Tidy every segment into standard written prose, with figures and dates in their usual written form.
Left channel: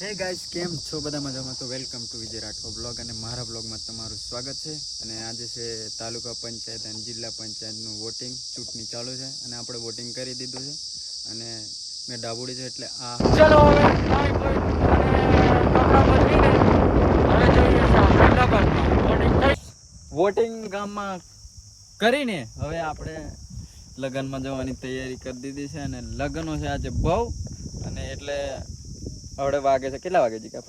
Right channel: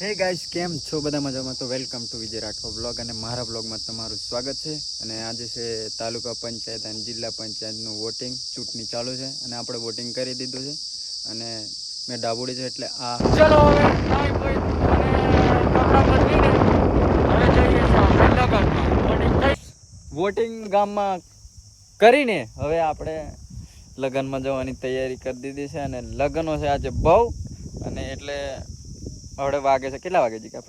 હે ગાઈસ, કેમ છો બધા મજામાં? તો welcome to Vijay Rathod blog અને મારા બ્લોગમાં તમારું સ્વાગત છે. અને આજે છે તાલુકા પંચાયત અને જિલ્લા પંચાયતનું વોટિંગ, ચૂંટણી ચાલુ છે અને આપણે વોટિંગ કરી દીધું છે. અને મેં ડાબોડી છે એટલે આ ચલો હવે વોટિંગ ગામમાં કરીને હવે આપણે લગ્નમાં જવાની તૈયારી કરી દીધી છે. અને લગ્નો છે આજે બહુ, અને એટલે હવે વાગે છે કેટલા વાગે જીગા?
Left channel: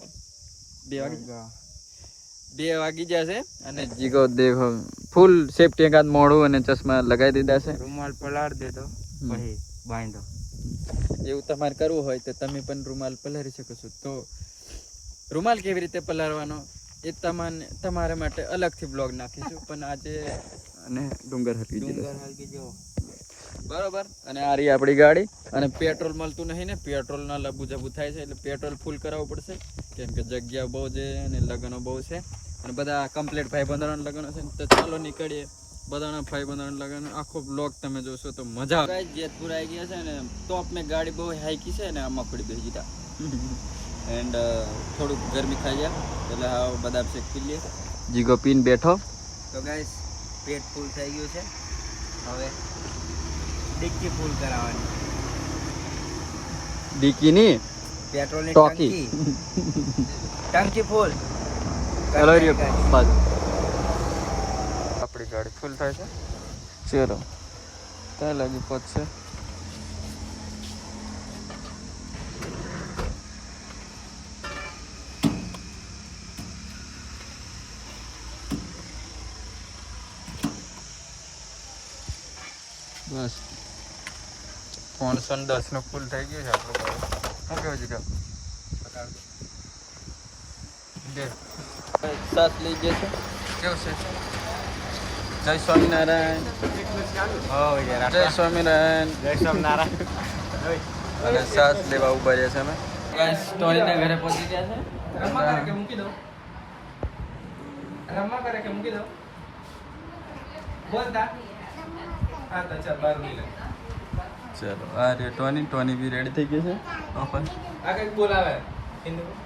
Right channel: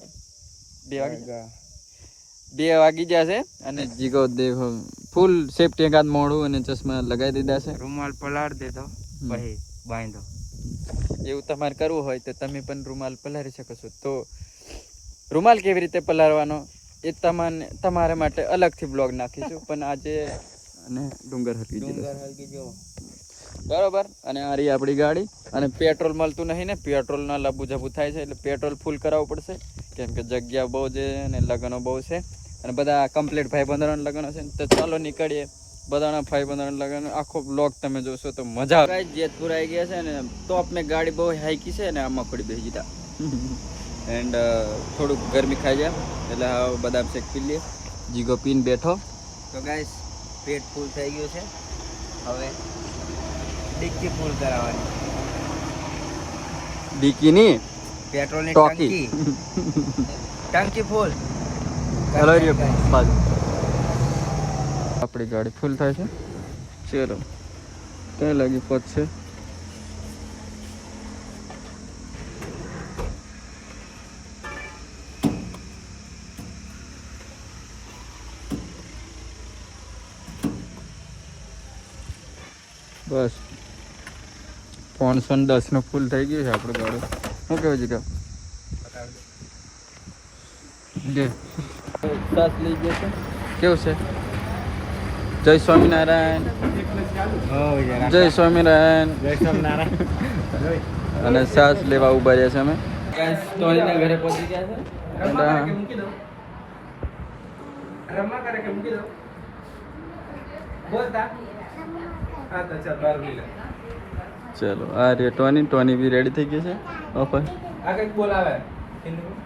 2 વાગી ગયા છે. અને જીગો દેખો ફૂલ સેફટી એકાદ મોડું અને ચશ્મા લગાવી દીધા છે. રૂમાલ પલાળ દેતો પછી બાંધો. એવું તમારે કરવું હોય તો તમે પણ રૂમાલ પલાળી શકો છો. તો રૂમાલ કેવી રીતે પલાળવાનો એ તમારા માટે અલગથી બ્લોગ નાખીશું. પણ આજે અને ડુંગર હલકી દીધો બરોબર. અને આ રહી આપણી ગાડી. અને પેટ્રોલ મળતું નહીં ને, પેટ્રોલના લબુ જબુ થાય છે એટલે પેટ્રોલ ફૂલ કરાવવું પડશે, કેમ કે જગ્યા બહુ છે અને લગ્નો બહુ છે અને બધા કમ્પ્લીટ ભાઈબંધોના લગ્ન છે. તો ચાલો નીકળીએ. બધાના ભાઈબંધોના લગ્ન આખો બ્લોગ તમે જોશો તો મજા આવે. જેતપુર આવી ગયા છે ને તો આપણે ગાડી બહુ હાઈકી છે ને આમાં પડી બેસી દીધા. એન્ડ થોડુંક ગરમી ખાઈ જાય એટલે હવે બદામ શેક પી લઈએ. જીગો પીન બેઠો. તો ગાઈસ પેટ ફૂલ થઈ ગયું છે. હવે ડિક્કી ફૂલ કરાવવાની. ડીકી ની પેટ્રોલની ટોકી. ટંકી ફૂલ કરવાની. આપણી ગાડી ફૂલ થાય છે. ચલો ક્યાં લાગી પહોંચશે. બસ 310 નું ફૂલ થઈ ગયું છે આપણું ગાડી. શું કહેવું છે કે સાસ લઈ ગયા છે. કેવું છે? જય સ્વામિનારાયણ. જય સ્વામિનારાયણ. જય સ્વામિનારાયણ. અને સાસ લેવા ઉભા રહ્યા છે અમે. સ્ટોરીના ઘરે પહોંચી ગયા છે. ચલો આ રે ટોની બી રેડી થઈ ગઈ. ઓપન आगे बोलावे हिंदी में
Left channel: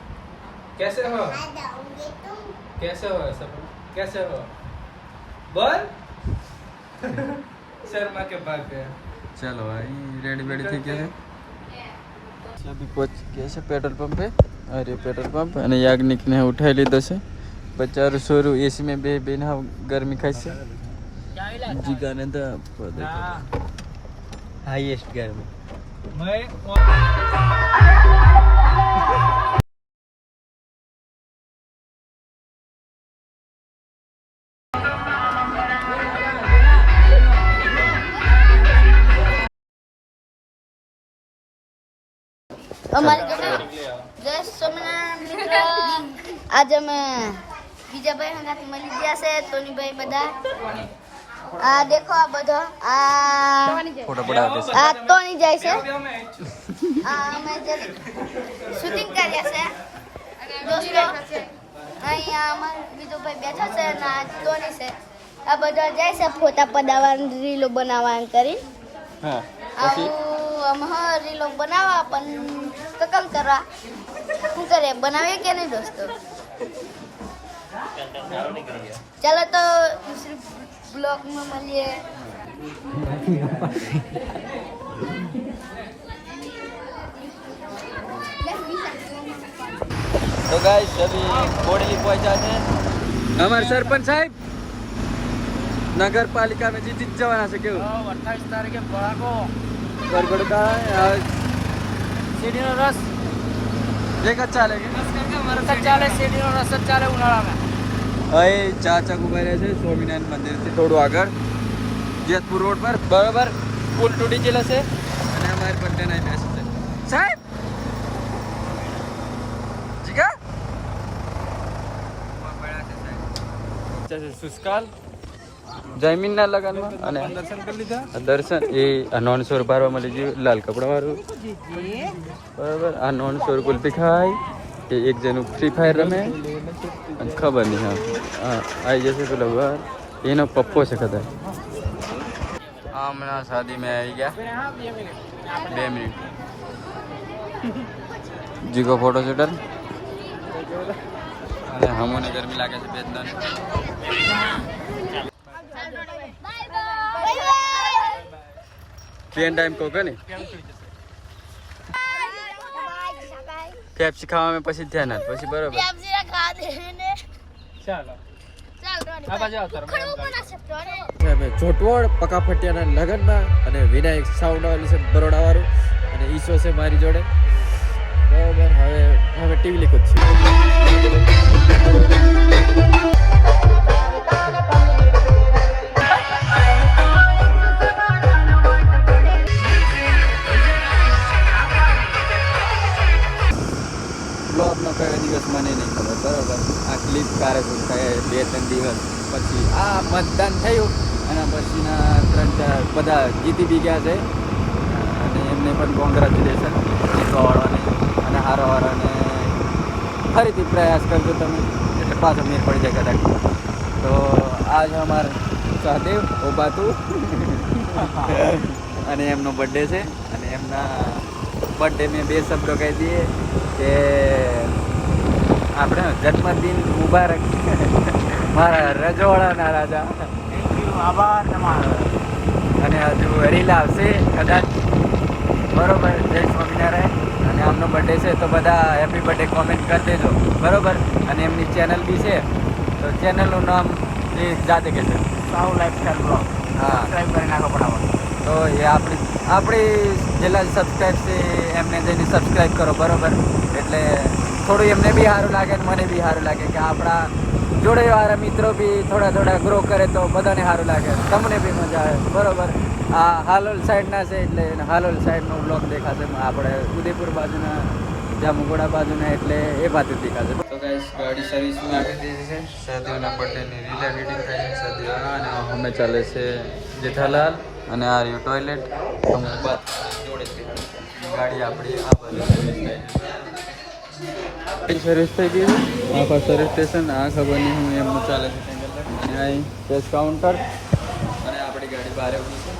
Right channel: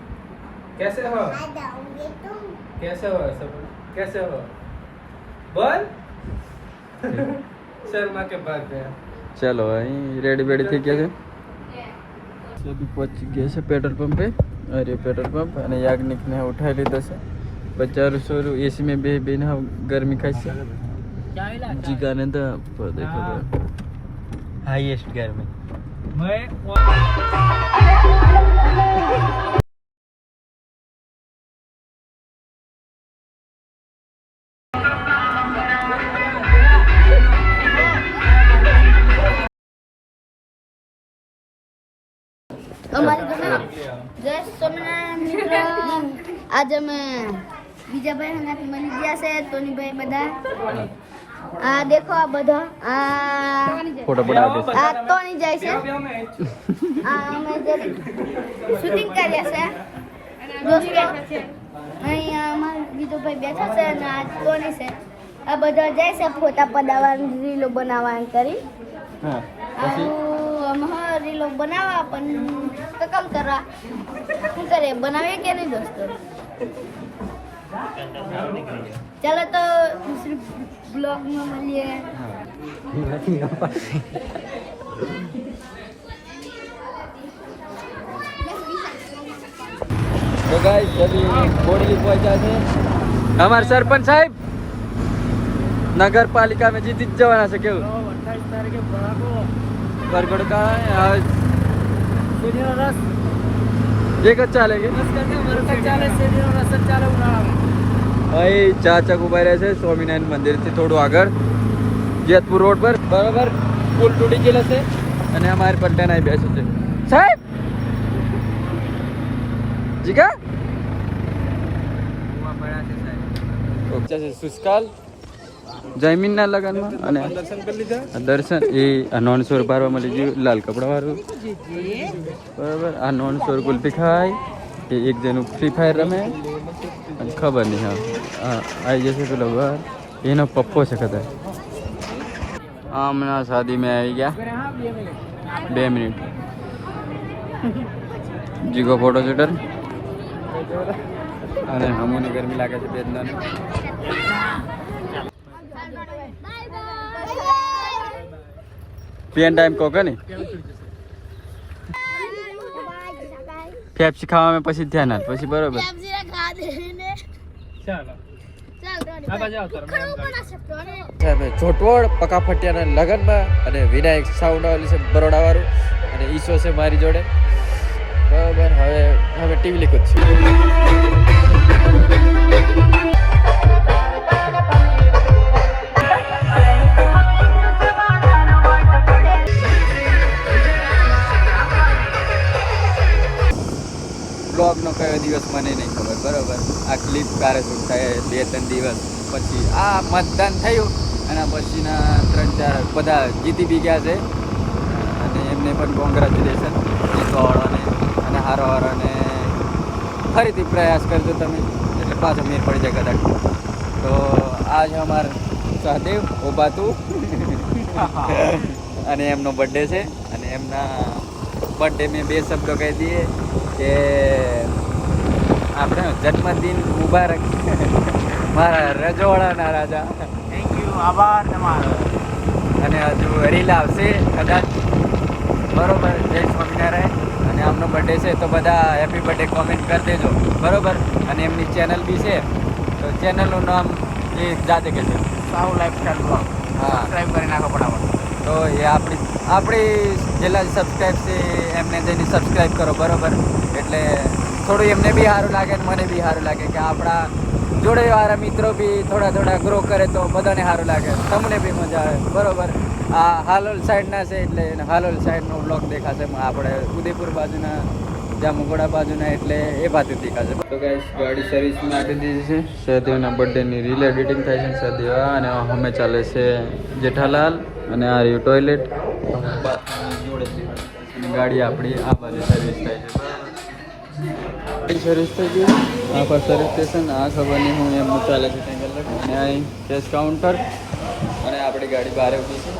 कैसे हो कैसे हो सब कैसे हो बोल शर्मा के भाग गया ચલો અહીં રેડી બેડી થઈ ગયા છે. સુધી પહોંચી ગયા છે પેટ્રોલ પંપે. અરે પેટ્રોલ પંપ. અને યાજ્ઞિકને ઉઠાવી લીધો છે. બચારું સોરું એસી में બેન ગરમી ખાશે. હાઈએસ્ટ ગરમી. જય સ્વામિનારાયણ મિત્રો. આજે અમે બીજા ભાઈ સાથે મળી ગયા છે. ટોનીભાઈ બધા આ દેખો, આ બધા આ ફોટો પડાવી દેશે. આ ટોની જાય છે. આ અમે જે શૂટિંગ કર્યા છે દોસ્તો. અહીંયા અમારા બીજો ભાઈ બેઠા છે અને આ ટોની છે. આ બધા જાય છે ફોટા પડાવવા, રીલો બનાવવા કરી. આવું અમે રીલો બનાવવા પણ કકમ કરવા શું કરે, બનાવી કે નહીં દોસ્તો? ચાલો તો દૂસરી બ્લોગમાં મળીએ. तो गाइस अभी बोडली पहुंचा है. हमारे सरपंच साहब नगर पालिका में जीत जवाना છે. કેવું વરગોડ का एक अच्छा लेंगे. અહીં ચાચક ઉભા રહ્યા છે સ્વામિનારાયણ મંદિરથી થોડું આગળ જેતપુર રોડ પર. બરાબર પુલ તૂટી ગયેલો છે અને અમારી પટ્ટન અહીં બેસે છે. સાહેબ જીગા સુસ્કાલ જયમીનના લગન અને दर्शन कर लीधा. દર્શન એ 900 ભરવા મળી ગયું. લાલ કપડા વાળું બરાબર. આ 900 કુલ્ફી ખાય. એ એક જણું ફ્રી ફાયર રમે. ખબર નહીં આવી જશે પેલો એનો પપ્પો છે ખબર. હમણાં શાદી में આવી ગયા 2 મિનિટ જીગો ફોટો શૂટર અને હમુને ગરમી લાગે છે બેદનાને પેન ટાઈમ કો કે નહીં પેપ્સી ખાવામાં પછી ધ્યાન આપ પછી બરોબર ચોટવડ પકા ફટિયાના લગનમાં અને વિનાયક સાઉન્ડ વાળી છે બરોડા વાળું અને ઈસો છે મારી જોડે બરોબર હવે ટીવી લીક જ છે બ્લોગનો કયો દિવસ મને નહીં ખબર બરોબર આ ક્લિપ કારે શૂટ થાય 2-3 દિવસ પછી આ મતદાન થયું એના પછીના 3-4 બધા જીતી બી ગયા છે અને એમને પણ કોંગ્રેચ્યુલેશન જીતવાવાળાને અને હારવાવાળાને ફરીથી પ્રયાસ કરજો તમે એટલે પાછો મેર પડી જાય કદાચ તો આજ અમાર સહદેવ ઓબાતું અને એમનો બર્થડે છે અને એમના બર્થડે મેં 2 શબ્દો કહી દઈએ કે આપણે જન્મદિન મુબારક મારા રજવાડાના રાજા થેન્ક યુ આભાર તમારો અને હજુ રીલ આવશે કદાચ બરોબર જય સ્વામિનારાયણ અને આમનો બર્થડે છે તો બધા હેપી બર્થડે કોમેન્ટ કરી દેજો બરોબર અને એમની ચેનલ બી છે તો ચેનલનું નામ એ જાતે કે છે સાઉ લાઈફસ્ટાઈલ બ્લોગ હા સબસ્ક્રાઇબ કરી નાખો ફટાફટ તો એ આપણી જેટલા સબસ્ક્રાઈબ છે એમને જઈને સબસ્ક્રાઈબ કરો બરોબર એટલે થોડું એમને બી સારું લાગે ને મને બી સારું લાગે કે આપણા જોડે વાળા મિત્રો બી થોડા ગ્રો કરે તો બધાને સારું લાગે તમને બી મજા આવે બરોબર આ હાલોલ સાઈડના છે એટલે હાલોલ સાઈડનો બ્લોગ દેખાશે આપણે ઉદયપુર બાજુના જામુગોડા બાજુના એટલે એ બાજુ દેખાશે તો ગાઈસ ગાડી સર્વિસમાં આપી દીધી છે સહદેવના બર્થડેની રીલ એડિટિંગ થાય છે સહદેવ અને અમે ચાલે છે જેઠાલાલ અને આ રહ્યું ટોયલેટ જોડે ગાડી આપણી આ બાજુ સર્વિસ થાય છે સર્વિસ થઈ ગઈ આ પર સર્વિસ સ્ટેશન આ ખબર નહીં હું એમનું ચાલે છે અહીં કેશ કાઉન્ટર અને આપણી ગાડી બહાર ઉભી છે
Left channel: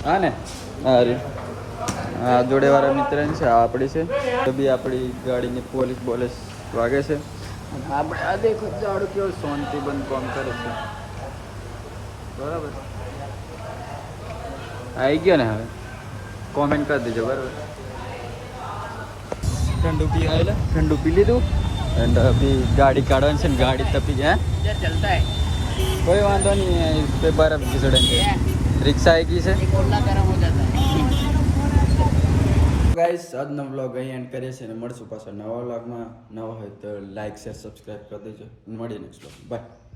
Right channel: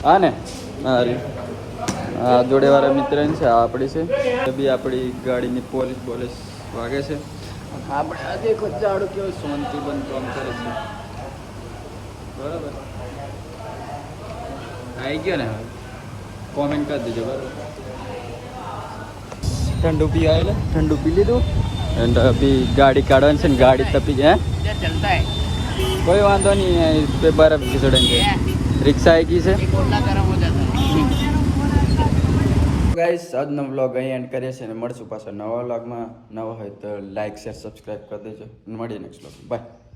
હા ને હા રે આ જોડેવાળા મિત્ર છે આ આપણી છે તો બી આપણી ગાડીની પોલીસ વાગે છે અને આપણે આ દેખો જાડું કેવું શાંતિ બંધ કામ કરે છે બરાબર આવી ગયો ને હવે કોમેન્ટ કરી દેજો બરાબર ઠંડુ પી આવેલા ઠંડુ પી લીધું એન્ડ અભી ગાડી કાઢવાની છે ને ગાડી તપી ગયા ચલતા હે કોઈ વાંધો નહીં इस पे बर्फ घिसड़ेंगे રિક્ષા આવી ગઈ છે ગાઈસ આજનો વ્લોગ અહીં એન્ડ કરીએ છીએ અને મળશું પાછા નવા વ્લોગમાં નવા હોય તો લાઈક શેર સબસ્ક્રાઈબ કરી દેજો મળીએ નેક્સ્ટ વ્લોગ બાય